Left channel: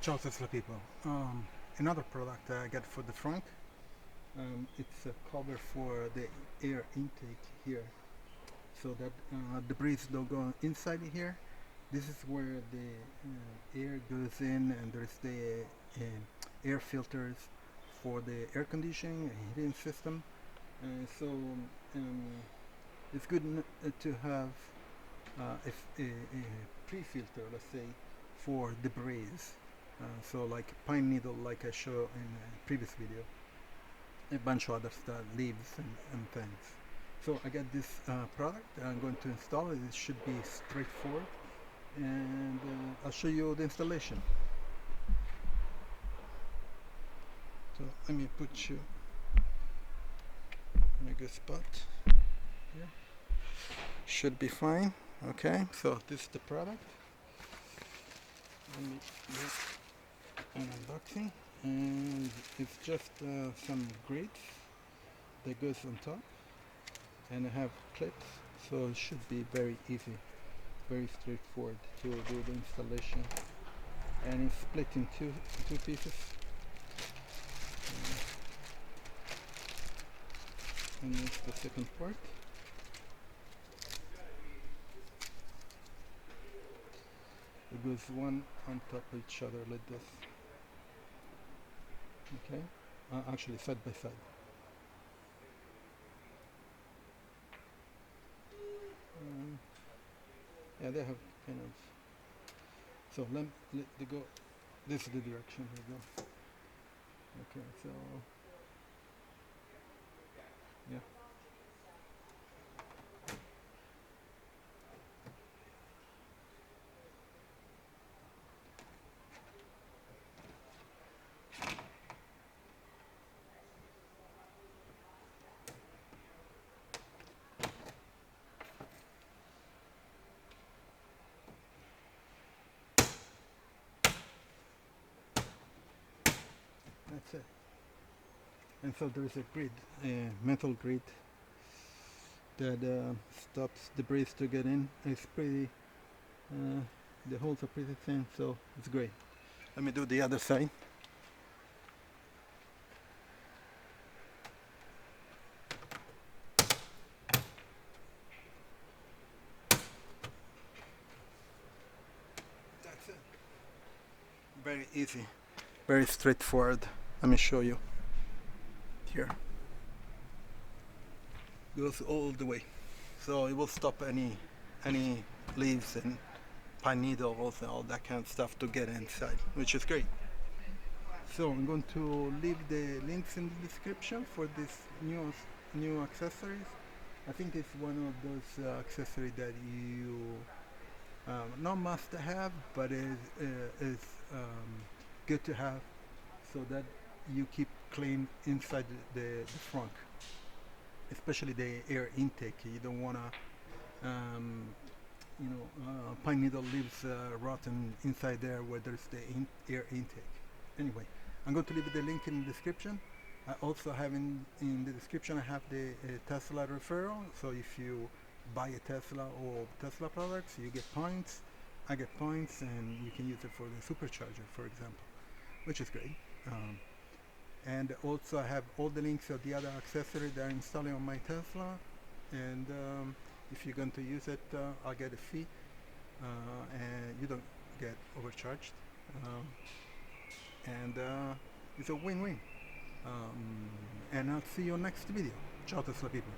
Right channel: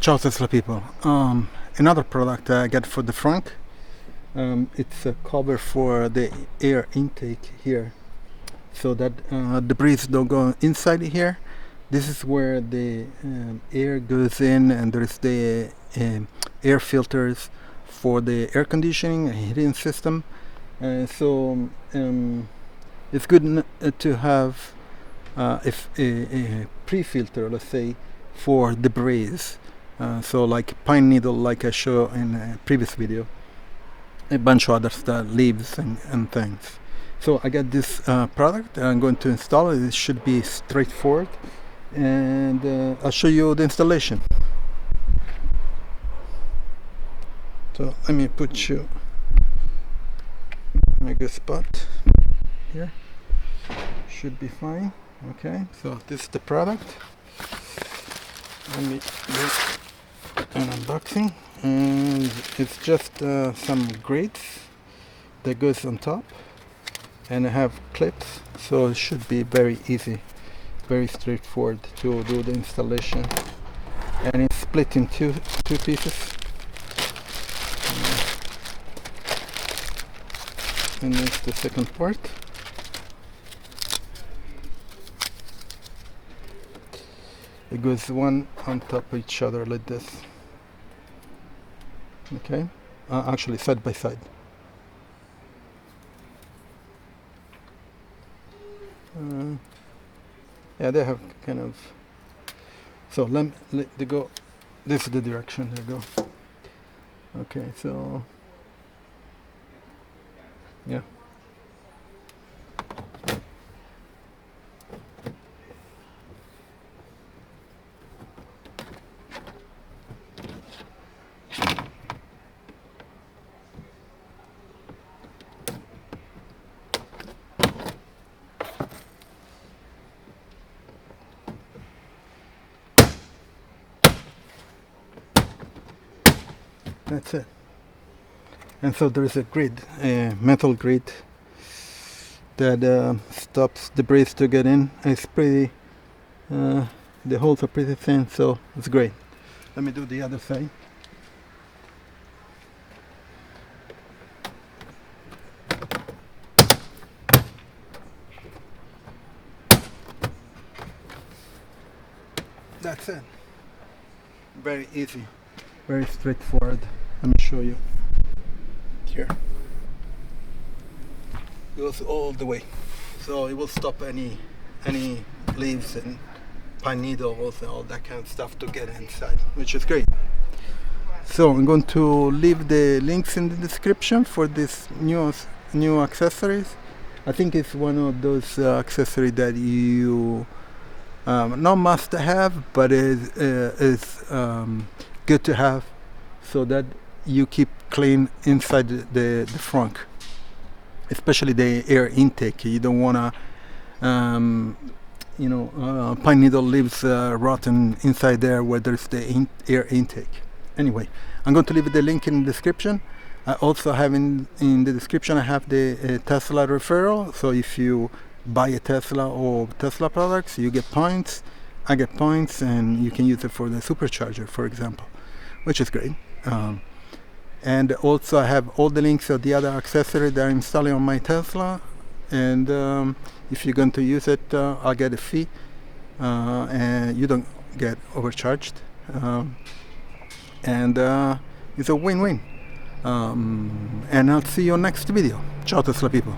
Ciao Tesla people. Another product I got for the Frunk. It's a cover for the air intake here, so that debris don't go inside here. This is where the air goes in, and there's the air filters for the air conditioning and heating system. So it's good to have if a pre-filter, let's say, for debris. So like pine needle, like I showed in a previous video, a bunch of other stuff, leaves and things. So I got this product. I'm going to install it. It should be straightforward, and I'll show you the installation. So let me put you in a good spot here. Should be fine. Okay, so this is the product. Let me do an unboxing, and it's just some grates that goes on top, and I have clips, so it should be very easy, very straightforward to do the installation. And it's split in two pieces, and this is the second part. It goes one on top of each other like this. Okay, actually side by side. Yeah, they have kind of. So let they go. This is the direction they go. Okay, so yeah. That's it. And so there is a grid, a metal grid that stops debris to get in. It's pretty, the holes are pretty thin, so it's great. Let me do the other side. That's it. Very easy, very straightforward. Let me show you. Here. Goes all the way. So it will stop any leaves and pine needles and all that kind of stuff to get inside, which is great. So I'm going to leave the links in the description for this new accessories. I think it's one of those accessories that you not must have, but is good to have, so that you keep clean inside the Frunk, especially the air intake. You don't want to pine needle leaves rotten inside there where there's the air intake. Anyway, I'm going to leave the link in the description. I also have in the description, I have the Tesla referral. So if you buy a Tesla or Tesla products, you get points. I get points, and you can use it for the Supercharger, for example, which is great. And also I have all the links of the other accessories that I'm installing on my Tesla, and if you're going to use it, I'll get a fee, and you don't get overcharged, and it's a win-win. And I'll see you next video. Ciao Tesla people.